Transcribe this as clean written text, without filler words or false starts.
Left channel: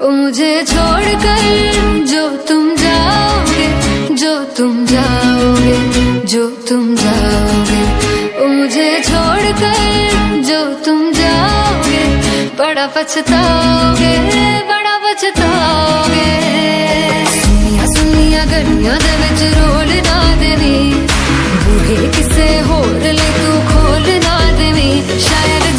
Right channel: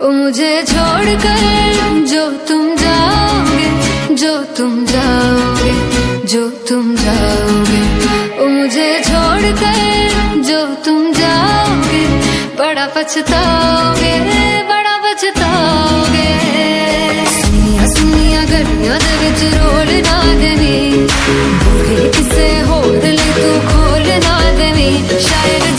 ओ मुझे छोड़कर जो तुम जाओगे, जो तुम जाओगे, जो तुम जाओगे, ओ मुझे छोड़कर जो तुम जाओगे, बड़ा पछताओगे, बड़ा पछताओगे। सुनिया सुनिया गलियां दे विच रोल ना देवी, बूहे किसे होर ले तू खोल ना देवी, शायद